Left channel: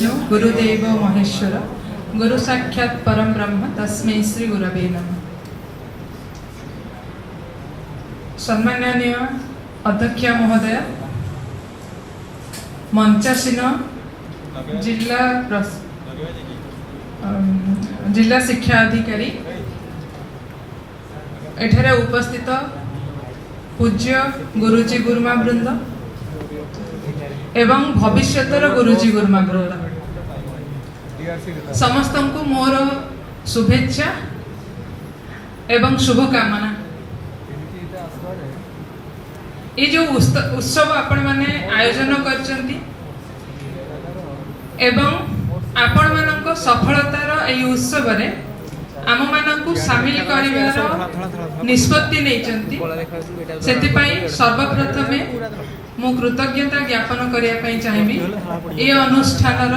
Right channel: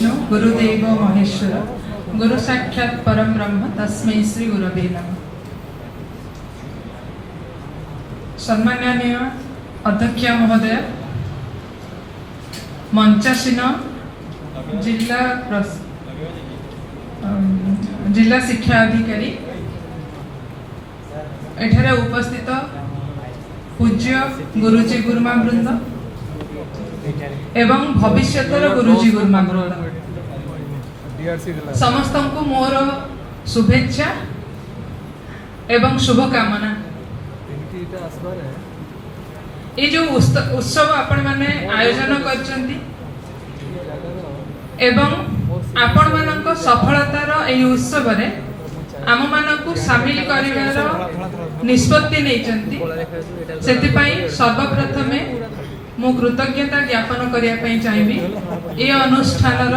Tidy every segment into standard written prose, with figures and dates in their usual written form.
विष्णु गुरुदेव महेश्वर गुरु साक्षात् परम ब्रह्म तस्मै श्री गुरवे नमः। सम्माननीय अध्यक्ष महोदय, मंचासीन जिला शिक्षा अधिकारी, एठारे उपस्थित पूज्य गुरुजी गुरुमा वृंद एवं भविष्यतर गुरुजी गुरुमा वृंद समस्त को मोर शुभेच्छा एवं शुभकामना। ये जो उत्सव आपण माने आयोजन करचंती एवं आपण मानक सफलतार एई उत्सव रे आम मानकु शामिल करिवार निष्पत्ति नेचंती। सेति पई सर्वप्रथमे मु कृतज्ञता ज्ञापन करिया पई चाहिबी ए अनुष्ठानर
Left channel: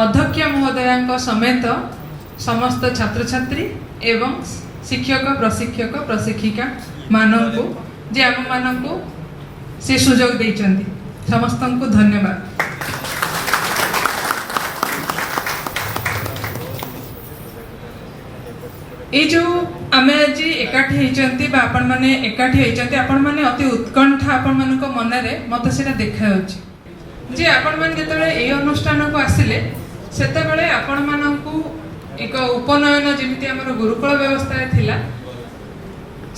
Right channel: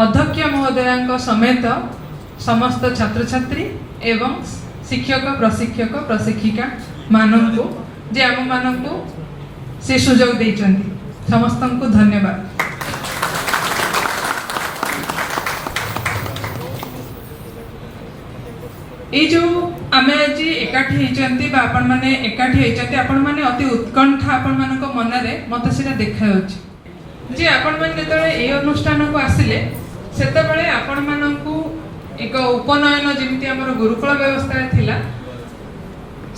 अध्यक्ष महोदयांक समेत समस्त छात्र छात्री एवं शिक्षक प्रशिक्षक प्रशिक्षिका मानकु जे आम मानकु से सुजोग देइचंती। समस्त को धन्यवाद। ये जो आमे आज एकाठी होइचंती बा आपण माने एकाठी होइचंती, आपण माने अति उत्कंठा आपण मानक मनरे मते सेटा देखा होछि जे आपण माने जेतले ए अनुष्ठान को आसिले सेते बेले आपण मानकु एक उपनयन जेमिति हमर गुरुकुल व्यवस्था थिला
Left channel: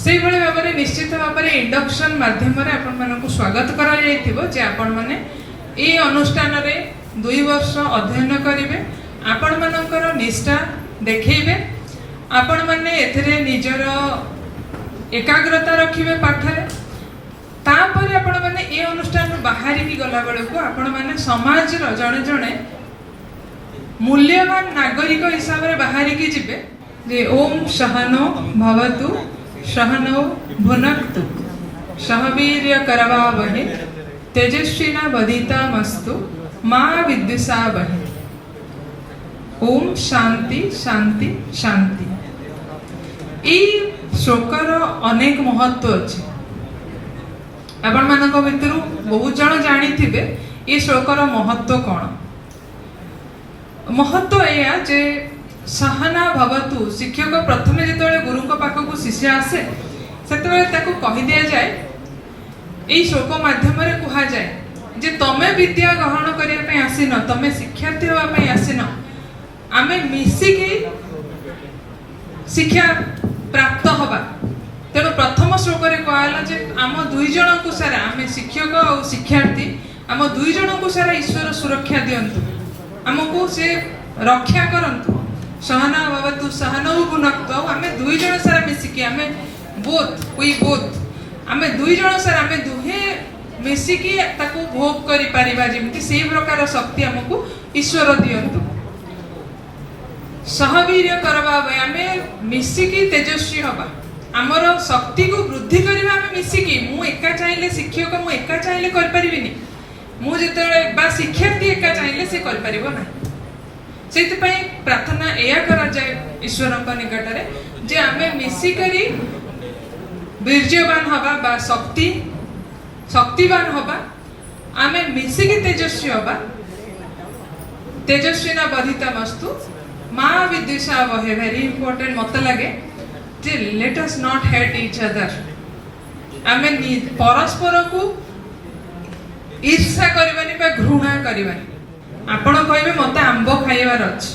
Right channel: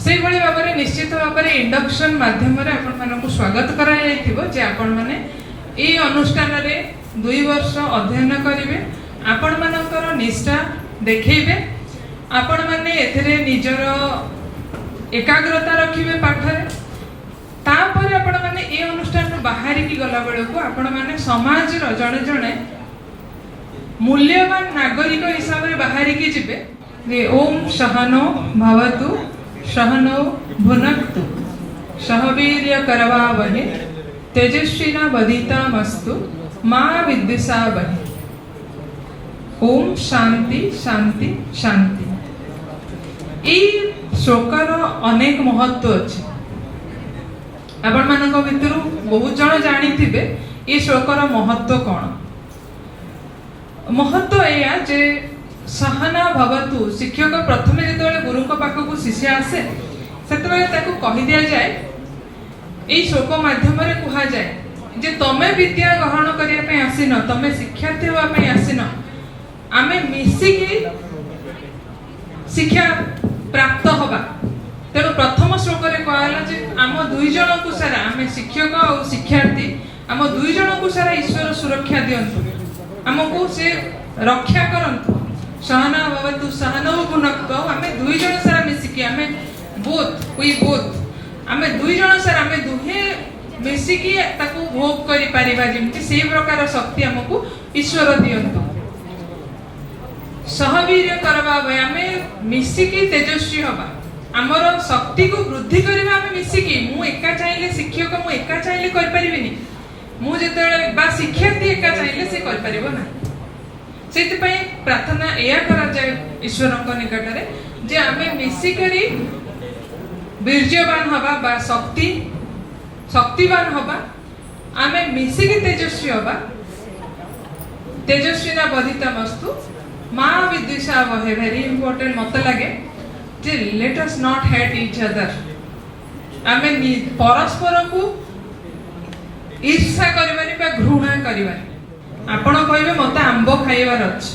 सेई भले भाबरे निश्चित भाबरे इंडक्शन माध्यम रे आपण मानकु स्वागत करा जायतिबो जे आपण माने ए अनुष्ठान रे 2 वर्ष अध्ययन करिवे, आपण मानकर निष्ठा देखैबे, आपण माने एथिरे निजर एकाग्रता रखिबे पाठरे, तापर आपण माने ए अनुष्ठान बाहरी की गला बेले को आपण माने समाज रो जणे जणे मूल्यवान नागरिक हिसाब रे बाहरी की जिबे जे ओम सहनो भवतु सहनो भुनक्तु सहवीर्य करवावहे तेजस्विना वदितामस्तु मा विद्विषावहे। ओम शांति शांति शांति। ई श्लोकर अनेक महत्व अछि। आपण मानक भितरु बहुत जण जानिथिबे ई श्लोकर महत्व कोन। महत्व एया जे सहना भवतु, शिक्षक प्रथमे जेतबेले गुरुଙ୍କ पाखकु शिष्य आसे सेतबेले ताकु कहि दिया जाय, एई श्लोक माध्यम रे कहा जाय जे तमे विद्या ग्रहण करिया पे आसिन, तमे शिक्षार्थी होवा पे आसिन, आमे मिसिकी शिक्षा प्राप्त हवा। तेणु प्रथम श्लोक रे कहला जे आम दुई जन को सारा आमे शिक्षक और शिक्षार्थी आम दुई जन को सारा ईश्वर सुरक्षा दियंतु, आमको से रक्षा करंतु। सहना भवतु सहनौ भुनक्तु, आमे दुई जन सारा मिसिकी आमे बोथ आमे दुई जन सारा आमे दुहे मिसिकी ताको भोग करि परिबा, जेमिति सेही प्रकार शक्ति हमको ईश्वर दियंतु। सहवीर्य करवावे, आमे मिसिकी तेजस्वी हवा, हमर शक्ति को वृद्धि करिबा आमे मिसिकी। मु एका चाहिले शिक्षक मु एका चाहिले कर परिबिनी, मु जेतले बा शिक्षार्थी एका चाहिले से कर परिबो ना। सेति पई प्रार्थना एया करा जाय ईश्वरक निकट रे जे आमे मिसी करी वीर्यवान हवा बा शक्तिवान हवा, आमे मिसिकी तेजस्वी हवा। तेजस्विना बधितामस्तु मा विद्विषावहे। वेरी इंपोर्टेंट मत लगे जे let us not hate each other. आमे परस्पर को ईर्षा करबानी बा घृणा करबानी। आपण कहबे मते आंबो खाइबार अछि,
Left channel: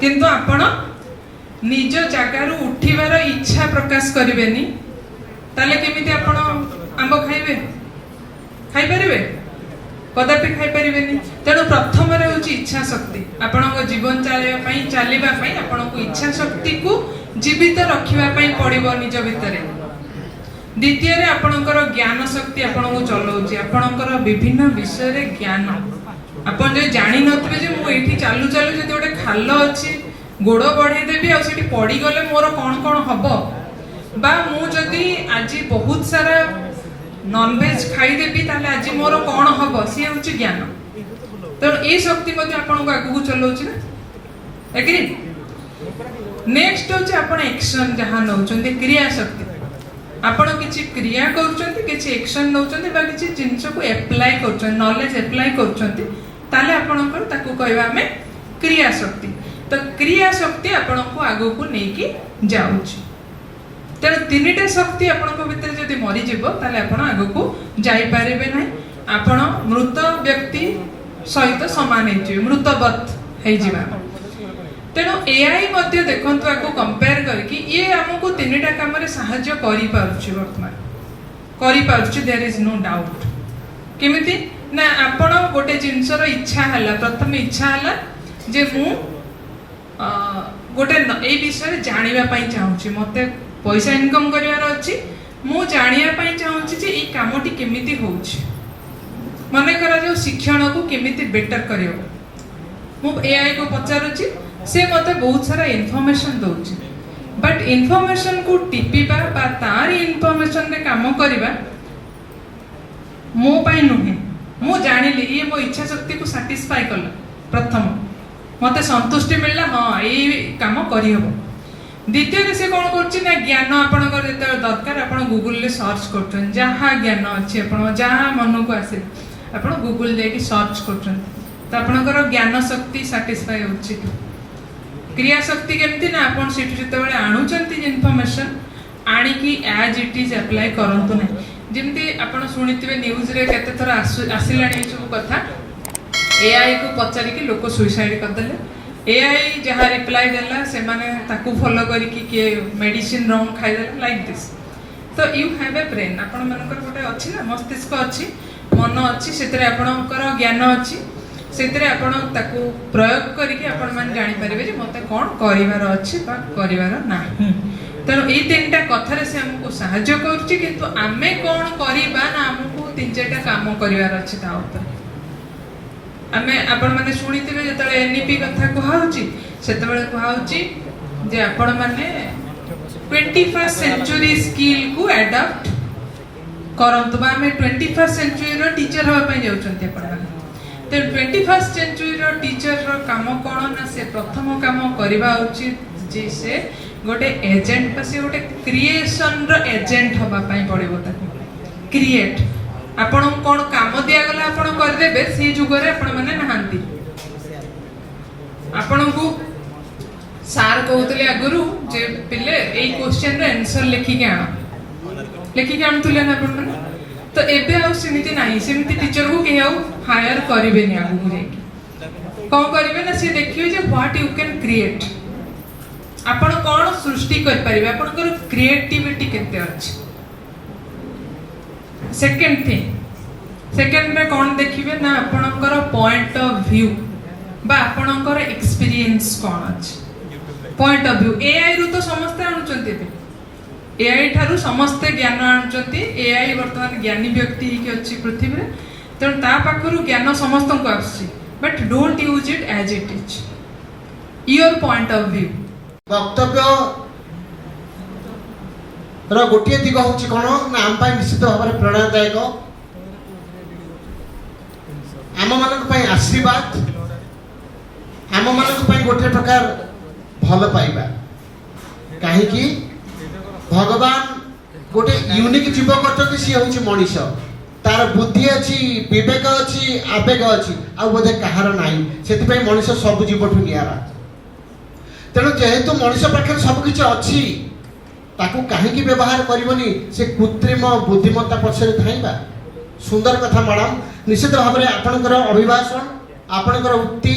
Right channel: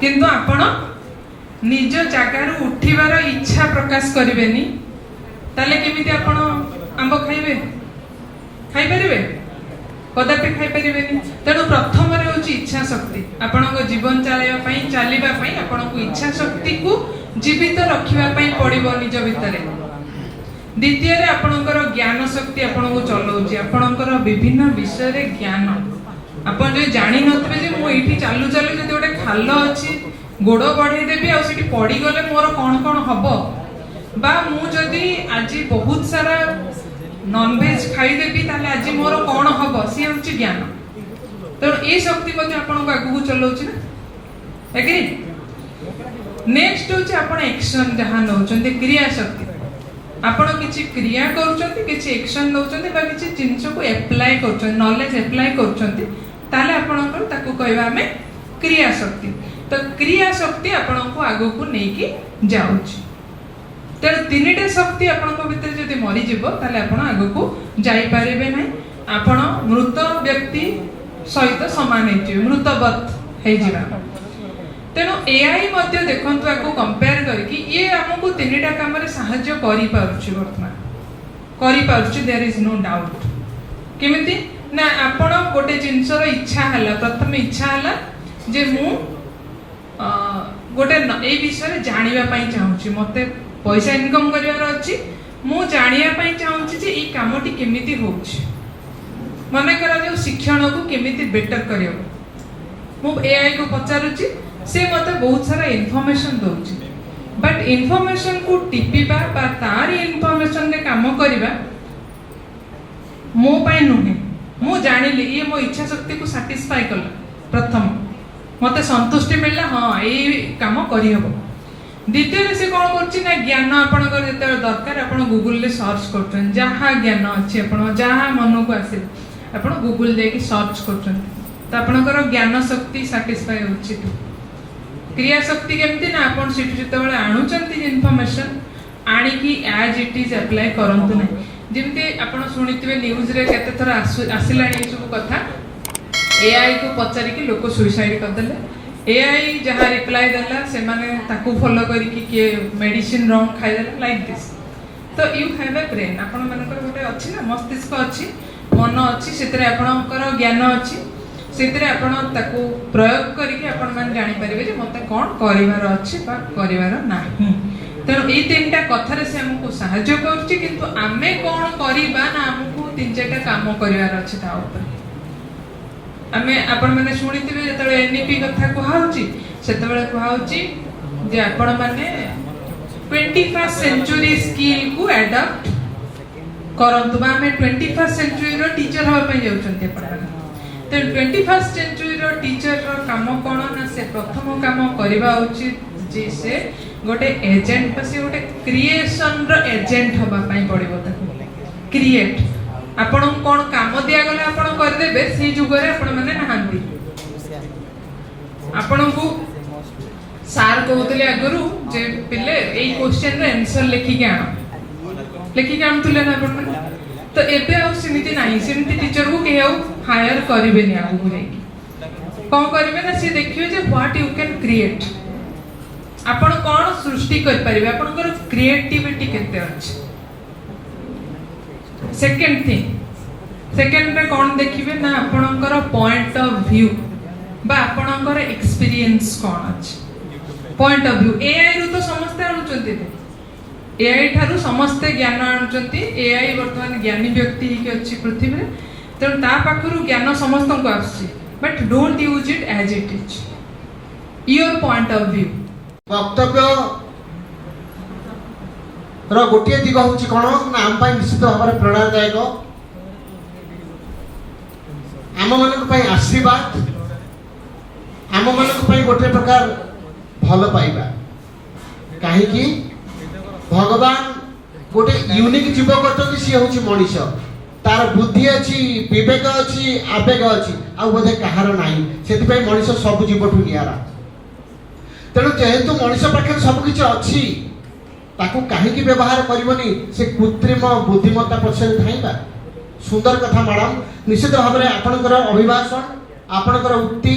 किंतु आपण निज जागार उठिबार इच्छा प्रकाश करिवेनी, ताले केमिति आपण आंबो खाइबे? खाइ परिबे? कदापि खाइ परिबेनी। तेणु प्रथम रे होची इच्छा शक्ति। आपणक जीवन चलिबा पई आपणको इच्छा शक्ति को जीवित रखिबा पई पड़िबो निज भितरे। द्वितीय रे आपणकर ज्ञान शक्ति आपणको चलौची, आपणकर विभिन्न विषय रे ज्ञान। आपण जे जानि नथबे जे मु एठी चालू चालू जदि ओटे खाल अछि गोड़ बढ़े देबी आ सेठी पड़ी गले मोर कोन कोन हबो, बा मु जदि आज बहुत सारा नॉन वेज खाई देबी ताले आज मोर कोन हबो, सी होची ज्ञान। तो ए शक्ति मध्ये आपण को आगु चलौची ना। एग्री? नेक्स्ट होची आपण एक्शन जहां नउचंती क्रिया शक्ति। आपण किछि क्रिया करूचंती, किछि एक्शन नउचंती बा किछि जिंस को अप्लाई करूचंती, नॉलेज अप्लाई करूचंती, ताले आपणकर ताकू कहबा हमें क्रिया शक्ति। तो क्रिया शक्ति आपनको आगो को नेकी जाउची। तेणु तीनिटा शक्ति आपनको भितर जदि मरी जीवो ताले आपण आगो को जाई पारिबे नै। आपण मृत व्यक्ति सहित समान हेजिबे, मृतवत हेजिबा। तेणु एआई मध्य देखंतु आको कंपेयर करके ये हमको तीनिटा काम रे सहाय्य करि पारुची, वर्तमान करि पारुची, देयर इज नो डाउट। केमिति ना आपण गोटे जिंसर इच्छा हला, प्रथम इच्छा हला जे मु गोटे ए विषय जानिबा पई चाहूची, मते पैसा इनकम करिवार अछि, मु जानिबा पई चाहूची जे ई कामटी केमिति होउची, मने करा जो शिक्षण को केमिति बेटर करियो। मु एआई को पचारुची, से मते बहुत सारा इन्फॉर्मेशन दउची, बट इन्फॉर्मेशन को टिपिबा बा तार इन्फॉर्मेशन रे काम करिबा मो पई नुहे। मु जानिली ये मो इच्छा शक्ति को सैटिस्फाई करला, प्रथम मते संतुष्टि मिलला, हां ए काम करि हबो। द्वितीय से कोन करछि ना ज्ञान आपण कर जेते दरकार आपण गूगल ले सर्च करछन, जहा ज्ञान अछि आपण जहा मन को आसे आपण गूगल दे के सर्च करछन, त आपणकर ज्ञान शक्ति सैटिस्फाई होछि। क्रिया शक्ति केमती ना आपण सिटी जते बेले आणुचंती इन्फॉर्मेशन आनी की एज इट इज अप्लाई करंतु नै। जेमती आपण सुनिथिबे न्यूज रे केते थरा आसिलाणी सब कथा, एआई को पचारि कि लोक सुसाइड कर देले, एआई जहा रिप्लाई देला से माने ताकू फॉलो करी कि के मेडिसिन रॉन्ग खाइ देला लाइक दिस। तो यू हैव ए ब्रेन, आपण मानकर गोटे अछि ना मस्तिष्क अछि, मन अछि, सेतरे आपणकर ज्ञान अछि, सेतरे आपण ताकू प्रयोग करी कि आपण मान जानि परिबे जे मते कोन करिवार अछि बा करिवार नाही। तेणु ये तीनटा कथार से हमको साहाय्य करछि, किंतु आमे कोन करिबा ना हमको तीन चारटा काम करिवार अछि ता ऊपर। आमे आपण माने सुनिथिबे जेतले एनईपी कथा कहउछि सेतबेले कहउछि जे आपण माने 21st सेंचुरी स्किल को अडॉप्ट करंतु। आमे 21st सेंचुरी रो टीचर होबा पई जाउछन्ते आपण। तो 21st सेंचुरी रो टीचर रो काम कोन ना से प्रथम काम करबा उचित जे से गोटे एजेंट, से गोटे क्रिएशन रो एजेंट होबा पई पड़िबो, ताकू क्रिएट। आपण कोन काम दिया गला आपण कर देबे, सी जुगरे आपण माने नहांती। आपण को सार कहउतले अगरु जे पिले एई क्वेश्चन रे आंसर लिखि के आनतुले ना आपण। तो एबे आ सिमिति नाही, सिमिति टीचर को केहौ हायर करिवे नि आगु को लेके कोन करिवे ना, से देखियो जे व्हाट यू कैन क्रिएट, आपण कोन सृष्टि कर परिबे, आपनकर क्रिएटिविटी केते अछि। सेकंड थिंग, सेकंड रे कोन देखिबे ना आपनकर पॉइंट ऑफ व्यू बा आपनकर एक्सपीरियंस कोन अछि। पॉइंट ऑफ व्यू एआई रु तो समस्त आणुचंती, एआई ठारू समस्त ज्ञान आणुचंती। एआई वर्तमान ज्ञानी व्यक्ति ही के अछि पृथ्वी रे, तेणु ता पाखरु ज्ञान समस्त को आछि, but don't use it as it is, your point of view. वक्तव्य रो गोटे दिग होछि कोन ना हम पई निश्चित भाବରେ प्रेरणादायक, आम मानक पई आशीर्वाद, आम मानक पई गोटे प्रकार भल पाइबा। काहे कि भगवान गोटे यूनिक जीव करछथि, सी होछि मनुष्य, तार बुद्धि अछि, विवेक अछि, आवेग अछि, आ बोधे कहार नाही, सेति पई मनुष्य सब जीवठु नियारा। तेणु जेहेतु मनुष्य पाखे सब किछि अछि, ताकू काहेकि व्यवहार करबनी, से कृत्रिम बुद्धिमत्ता पछरे थाइबा। सुंदर कथा मैडम, निश्चित भाव में आपनकर अभिभाषण, आपनकर उक्ति,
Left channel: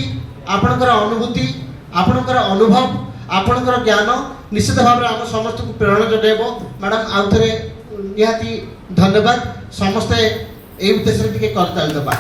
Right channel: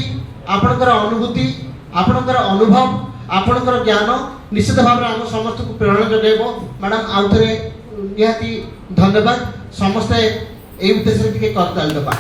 आपनकर अनुभूति, आपनकर अनुभव, आपनकर ज्ञान निश्चित भाव में हम समस्त को प्रेरणा जगेबो। मैडम आउ थरे निहाती धन्यवाद। समस्ते एई उद्देश्य टिके करताल दबा।